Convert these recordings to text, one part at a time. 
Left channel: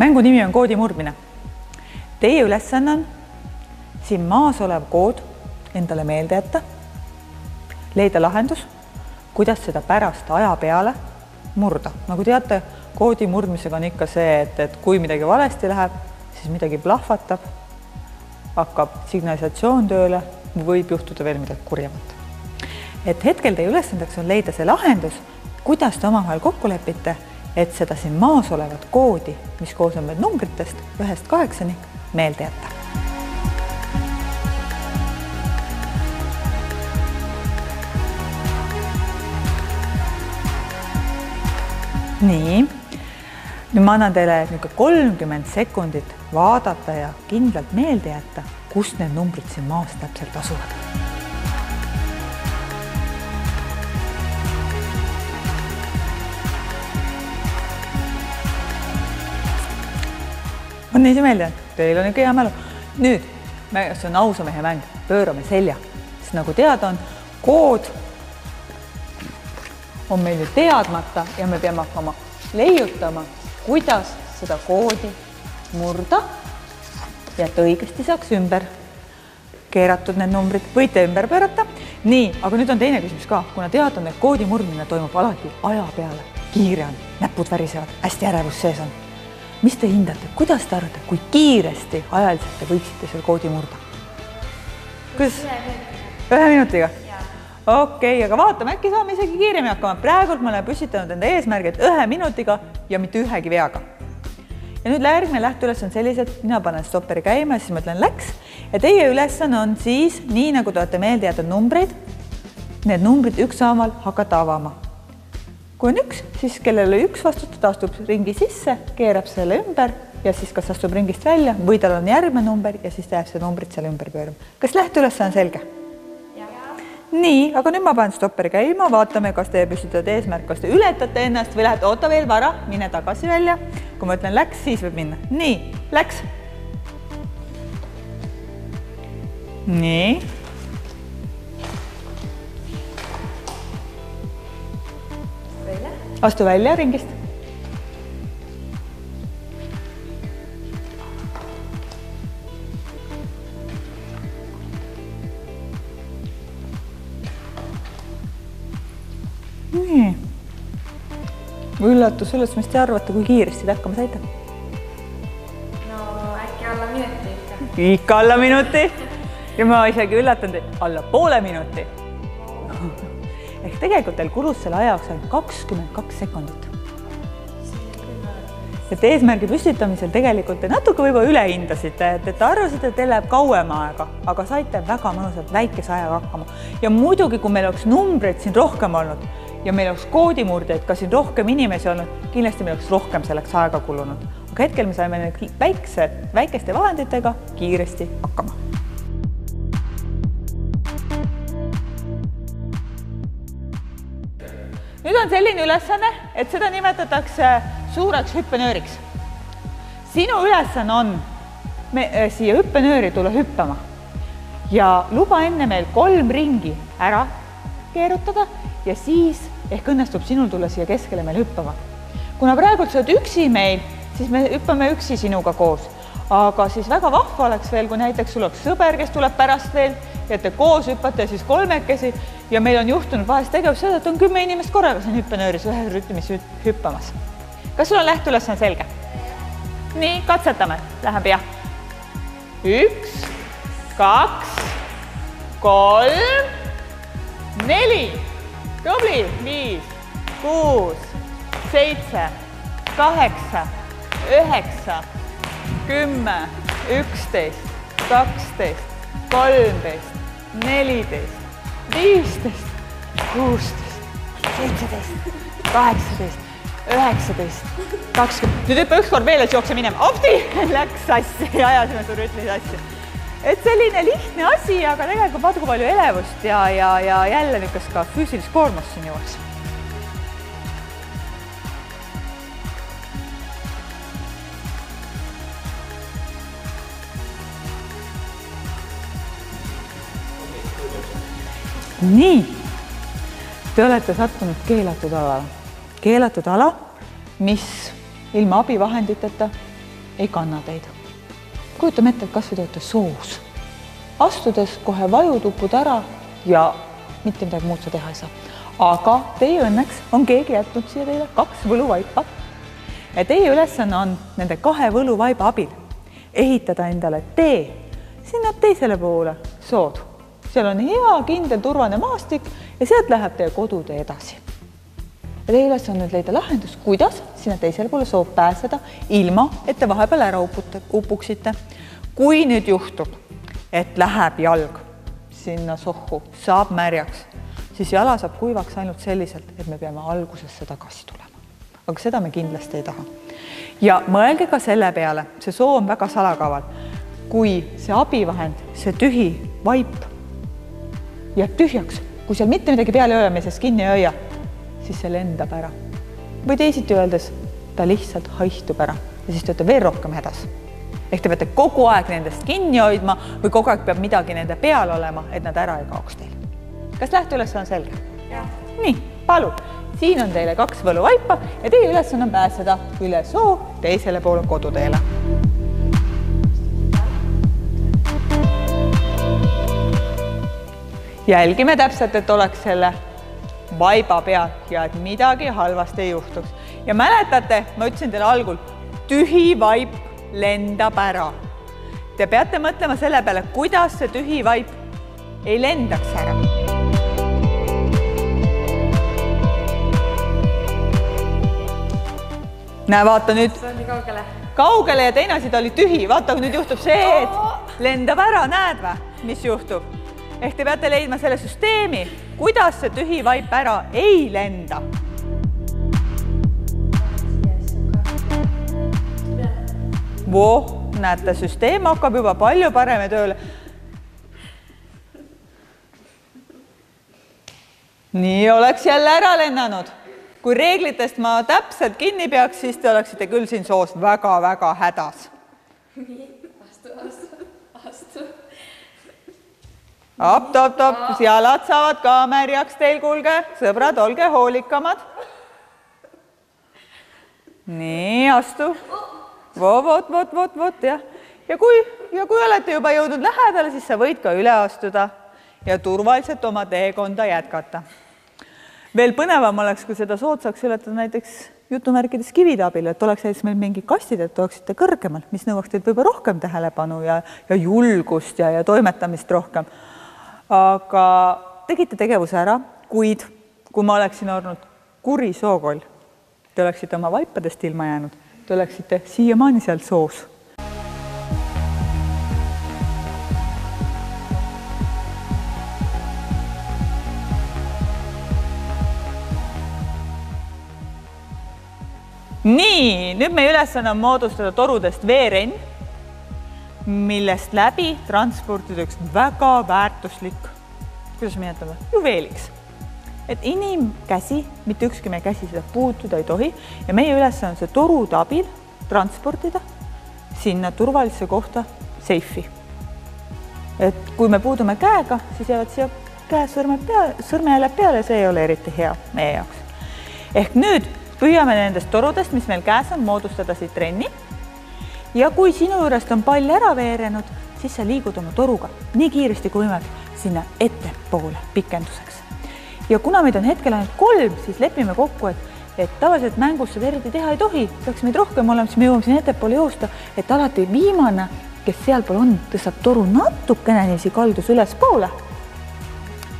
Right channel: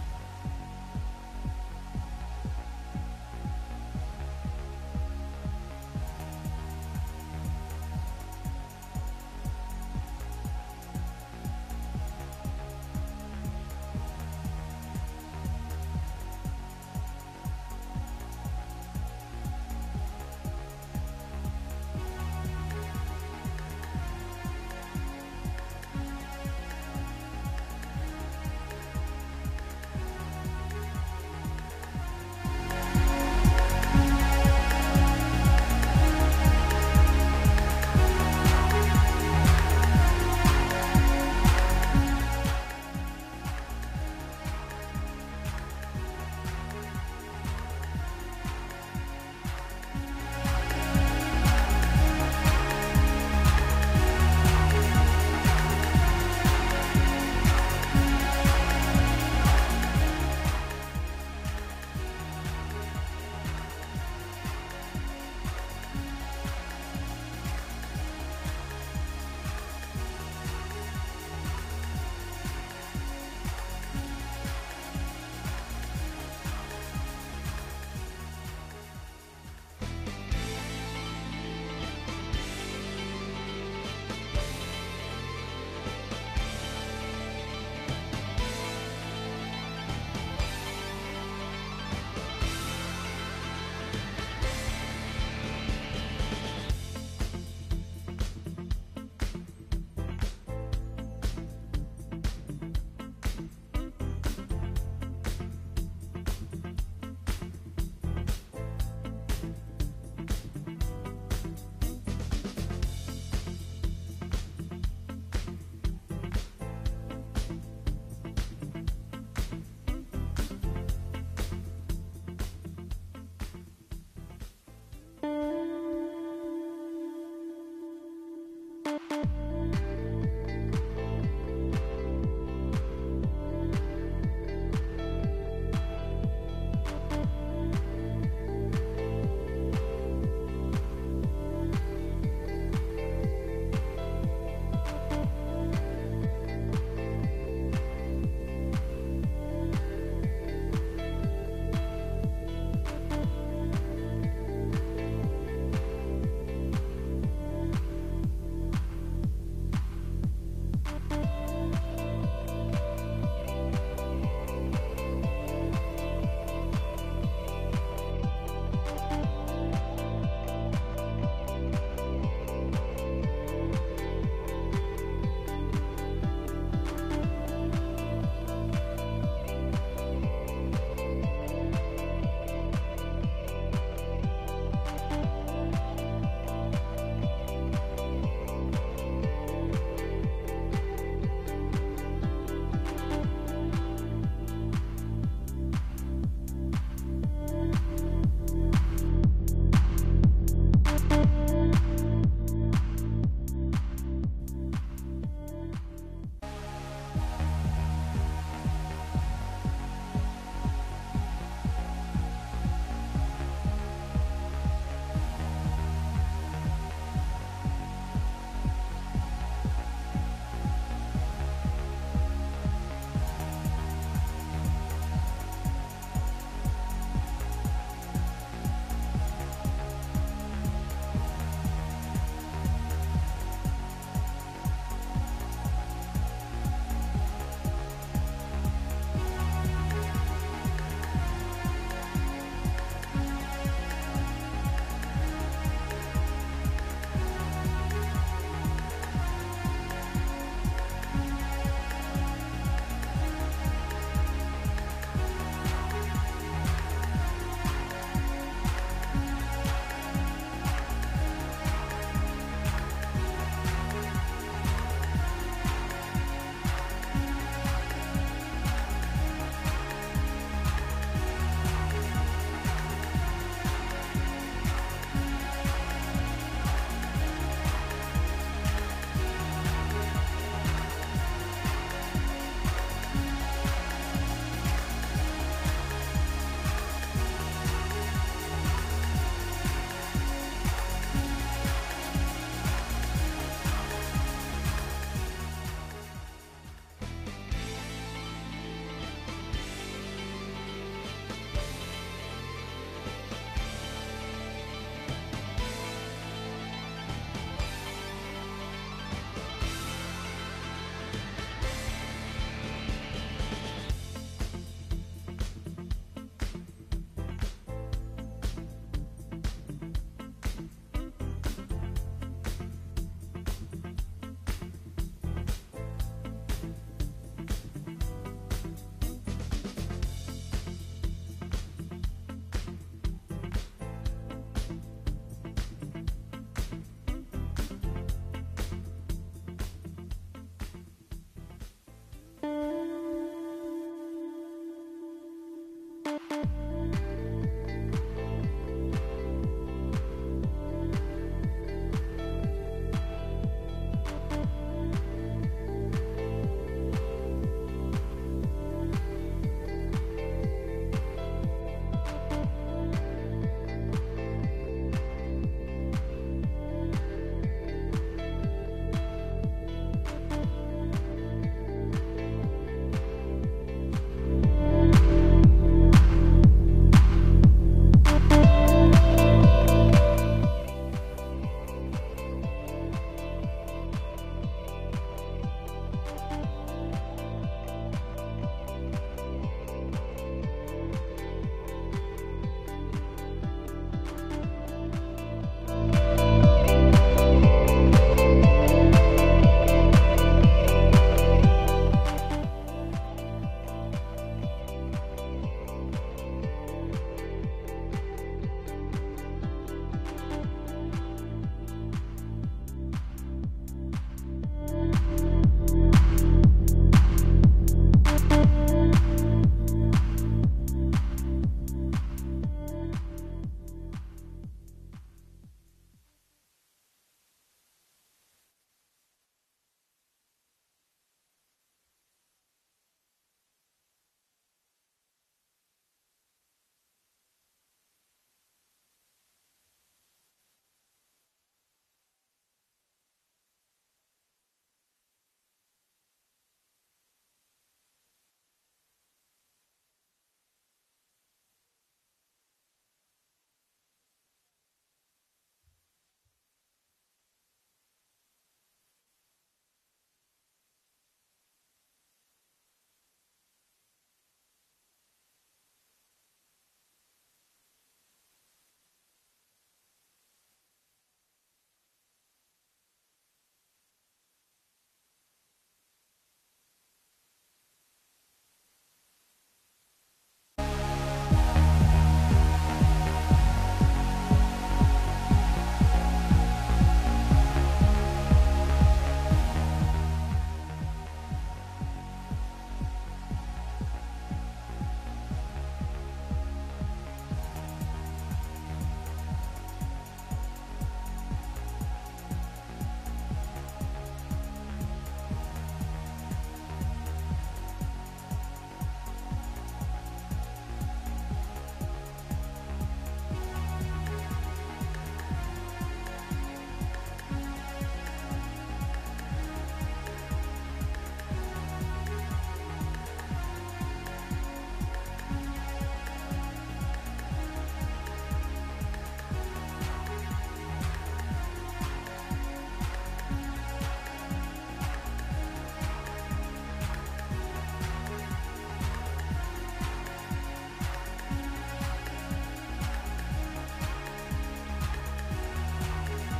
Mängu nimi on koodi murdmine. Teie ülesanne on siin maas olev kood endale meelde jätta, leida lahendus, kuidas seda pärast aja peale murda. Nagu teate, koodi murdmisega on ikka see, et kui midagi valesti läheb, siis midagi plahvatab, hakkab signalisatsioon tööle, võib juhtuda veel midagi kurjemat. Et hetkel teie ülesandeks on leida see lahendus, kuidas te omavahel kokku lepite, et seda siin maas olevat koodi, mis koosneb numbritest 1-8 meelde jätta. Nii, nüüd ma annan teile 30 sekundit vaadata ja kindlalt meelde jätta, kust need numbrid siin maas täpselt asuvad. On nii see meelde, teil on ikka hea mälu. Nüüd, see on ausa mehe mäng, pöörame selja, sest nagu teada on, kood on meil ju teadmata ja me peame hakkama leiutama, kuidas seda koodi murda ja et õigesti saaks ümber keeratud need numbrid. Võite ümber pöörata. Nii, aga nüüd on teine küsimus ka, kuna teada on, et koodi murdmine toimub alati aja peale. Kiire on, näpud värisevad, hästi ärevus sees on. Mis te hindate? Kuidas te arvate, kui kiiresti ajaliselt te võiksite selle koodi murda? Kuidas? 1 minutiga? Okei, aga vaatame, äkki saame isegi kiiremi hakkama. Praegult me oleme püstitanud enda eesmärgid 1 minutiga ja mitte ühegi veaga. Ja nüüd järgmine lähteüles on sellised, mina panen stopperi käima ja siis ma ütlen läks. Ja teie ülesanne on siis, nii nagu te olete meelde jäetud numbreid, need numbrid ükshaaval hakata avama. Kui on 1, siis kellel oli 1 vastutada, astub ringi sisse, keerab selle ümber ja siis kas astub ringist välja või tal on järgmine number ja siis ta jääb see numbrid seal ümber pöörama. Kas lähteülesanne on selge? Nii, aga nüüd ma panen stopperi käima, vaatame, kas te püstitad eesmärk, kas te ületate ennast või lähete, oota veel vara, mine tagasi välja. Kui ma ütlen läks, siis võib minna. Nii, läks. Nii. Astu välja ringist. Nii. Üllatus sellest, mis te arvate, kui kiiresti te hakkama saite? No äkki alla minuti. Ikka alla minuti. Ja ma isegi üllatan teid alla poole minuti. Ehk tegelikult teil kulus selle ajaks 22 sekundit. Et eesmärgi püstitamisel tegelikult te natuke võib üle hindasite, et arvasite, et teil läheb kauem aega, aga saite väga mõnusalt väikese ajaga hakkama. Ja muidugi, kui meil oleks numbreid siin rohkem olnud ja meil oleks koodimurdeid, ka siin rohkem inimesi olnud, kindlasti meil oleks rohkem selleks aega kulunud. Aga hetkel me saime väikeste vahenditega kiiresti hakkama. Nüüd on selline ülesanne, et seda nimetatakse suureks hüppenööriks. Sinu ülesanne on siia hüppenööri tulla hüppama ja luba enne meil 3 ringi ära keerutada ja siis ehk õnnestub sinul tulla siia keskele meil hüppama. Kuna praegult sa oled üksi meil, siis me hüppame üksi sinuga koos. Aga siis väga vahva oleks veel, kui näiteks sul oleks sõber, kes tuleb pärast veel, ja te koos hüppate siis 3 ja meil on juhtunud vahest tegevus seda, et on 10 inimest korraga siin hüppenööris ühes rütmis hüppamas. Kas sul on lähteülesanne selge? Nii, katsetame. Läheb jah. 1, 2, 3, 4. Tubli. 5, 6, 7, 8, 9, 10, 11, 12, 13, 14, 15, 16, 17, 18, 19, 20. Nüüd hüppa ükskord veel, et jookse minema. Opti! Läks sassi ja ajasime su rütmi sassi. Et selline lihtne asi, aga tegelikult vaata kui palju elevust ja jälle niisugust ka füüsilist koormust siin juures. Nii, te olete sattunud keelatud alale. Keelatud ala, mis ilma abivahenditeta ei kanna teid. Kujutame ette, et kas või te olete soos. Astudes kohe vajud upud ära ja mitte midagi muud sa teha ei saa. Aga teie õnneks on keegi jätnud siia teile 2 võluvaipa. Ja teie ülesanne on nende 2 võluvaiba abil ehitada endale tee sinna teisele poole sood. Seal on hea, kindel, turvane maastik ja sealt läheb teie kodutee edasi. Ja teie ülesanne on leida lahendus, kuidas sinna teisele poole sood pääseda, ilma, et te vahepeal ära upuksite. Kui nüüd juhtub, et läheb jalg sinna sohku, saab märjaks, siis jala saab kuivaks ainult selliselt, et me peame algusesse tagasi tulema. Aga seda me kindlasti ei taha. Ja mõelge ka selle peale, see soo on väga salakaval. Kui see abivahend, see tühi vaip jääb tühjaks, kui seal mitte midagi peale ei hoia, me sest kinni ei hoia, siis see lendab ära. Või teisiti öeldes, ta lihtsalt haistub ära ja siis te olete veel rohkem hädas. Ehk te peate kogu aeg nendest kinni hoidma või kogu aeg peab midagi nende peal olema, et nad ära ei kaoks teil. Kas lähteülesanne on selge? Ja. Nii, palun. Siin on teile 2 võluvaipa ja teie ülesanne on pääseda üle soo teisele poole koduteele. Jälgime täpselt, et oleks selle vaiba pealt ja et midagi halvasti ei juhtuks. Ja mäletate, ma ütlesin teile algul, tühi vaip lendab ära. Te peate mõtlema selle peale, kuidas see tühi vaip ei lendaks ära. Näe, vaata nüüd kaugele ja teine asi ta oli tühi. Vaata, kui nüüd juhtub see, et lendab ära, näed vä, mis juhtub? Ehk te peate leidma selle süsteemi, kuidas see tühi vaip ära ei lenda. Voh, näete, süsteem hakkab juba palju parem tööle. Nii oleks jälle ära lennanud. Kui reeglitest ma täpselt kinni peaks, siis te oleksite küll siin soos väga-väga hädas. Astu. Top, jalad saavad ka märjaks teil, kuulge. Sõbrad, olge hoolikamad. Nii, astu. Vot, jah. Ja kui olete juba jõudnud lähedale, siis sa võid ka üle astuda ja turvaliselt oma teekonda jätkata. Veel põnevam oleks, kui seda sood saaks ületada näiteks jutumärkides kivide abil, et oleks meil mingi kastid, et oleksite kõrgemal, mis nõuaks teid võib-olla rohkem tähelepanu ja julgust ja toimetamist rohkem. Aga tegite tegevuse ära, kuid kui ma oleksin olnud kuri sookoll, te oleksite oma vaipadest ilma jäänud, te oleksite siiamaani seal soos. Nii, nüüd meie ülesanne on moodustada torudest veerenn, millest läbi transportida üks väga väärtuslik, kuidas nimetada, juveeliks. Et inimkäsi, mitte ükski meie käsi seda puutuda ei tohi ja meie ülesanne on see torude abil transportida sinna turvalisse kohta seifi. Et kui me puudume käega, siis jäävad siia käe sõrmejäljed peale ja see ei ole eriti hea meie jaoks. Ehk nüüd püüame nendest torudest, mis meil käes on, moodustada siit renni. Ja kui sinu juurest on pall ära veerenud, siis sa liigud oma toruga nii kiiresti kui võimalik sinna ettepoole pikenduseks. Ja kuna meid on hetkel ainult 3, siis lepime kokku, et tavaliselt mängus seda eriti teha ei tohi. Peaks meid rohkem olema, siis me jõuame siin ettepoole joosta, et alati viimane, kes sealpool on, tõstab toru natukene niiviisi kaldus üles poole.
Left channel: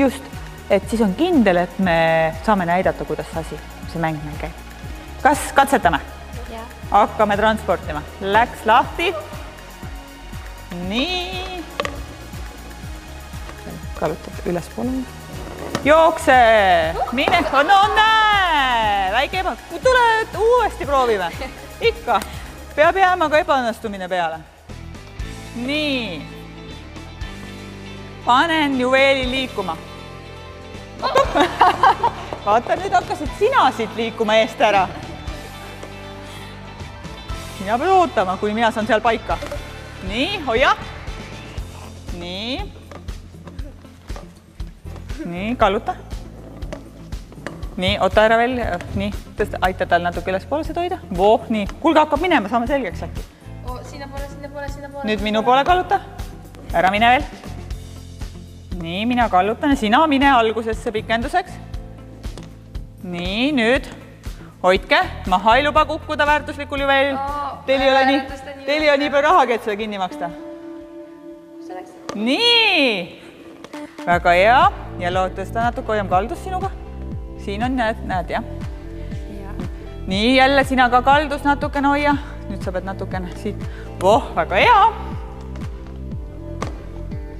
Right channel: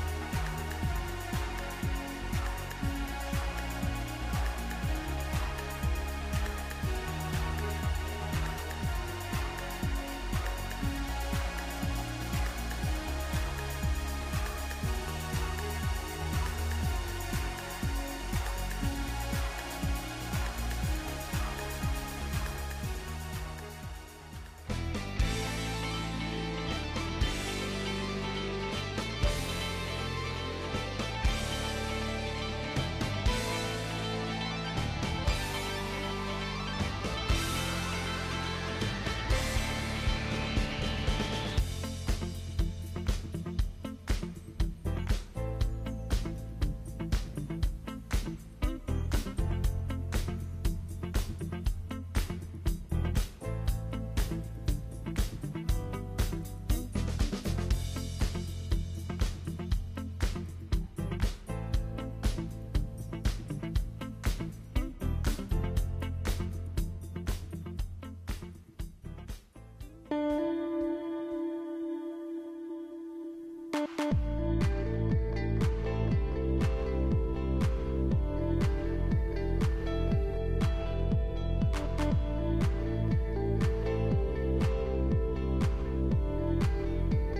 Just, et siis on kindel, et me saame näidata, kuidas see mängimine käib. Kas katsetame? Ja. Hakkame transportima. Läks lahti. Nii. Kalutab üles poole. Jookse. Mine. No näe. Väike eba. Tule uuesti proovime. Ikka. Peab jääma ka ebaõnnestumine peale. Nii. Panen juveeli liikuma. Vaata, nüüd hakkasid sina siit liikuma eest ära. Mina pead ootama, kuni mina saan seal paika. Nii, hoia. Nii. Nii, kalluta. Nii, oota ära veel. Nii, aita tal natuke üles poole seda hoida. Voh, nii. Kuulge, hakkab minema, saame selgeks. nüüd minu poole kalluta. Ära mine veel. Nii, mina kallutan ja sina mine algusesse pikenduseks. Nii, nüüd hoidke. Maha ei luba kukkuda väärtuslikul juvel. Teil ei ole nii palju rahagi, et seda kinni maksta. Nii. Väga hea. Ja lootesta natuke hoiam kaldus sinuga. Siin on, näed, jah. Nii, jälle sina ka kaldus natukene hoia. Nüüd sa pead natukene siit. Väga hea.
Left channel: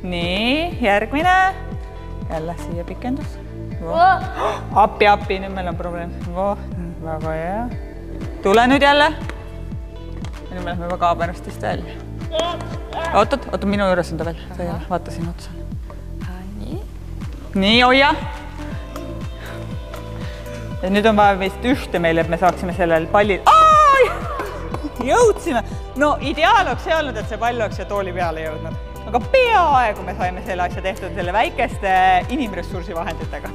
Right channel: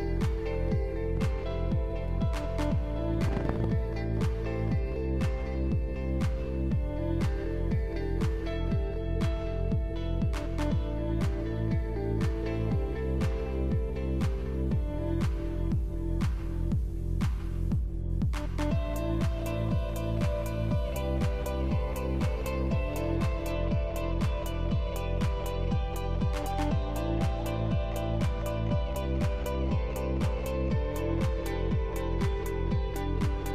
Nii, järgmine. Jälle siia pikendus. Appi, nüüd meil on probleem. Väga hea. Tule nüüd jälle. Nüüd me lähme juba kaamerastist välja. Oot, minu juures on ta veel. Vaata siin otsa. Nii, hoia. Ja nüüd on vaja meist ühte meil, et me saaksime sellel pallil. Jõudsime. No ideaal oleks see olnud, et see pall oleks ja tooli peale jõudnud. Aga peaaegu me saime selle asja tehtud selle väikeste inimressursi vahenditega.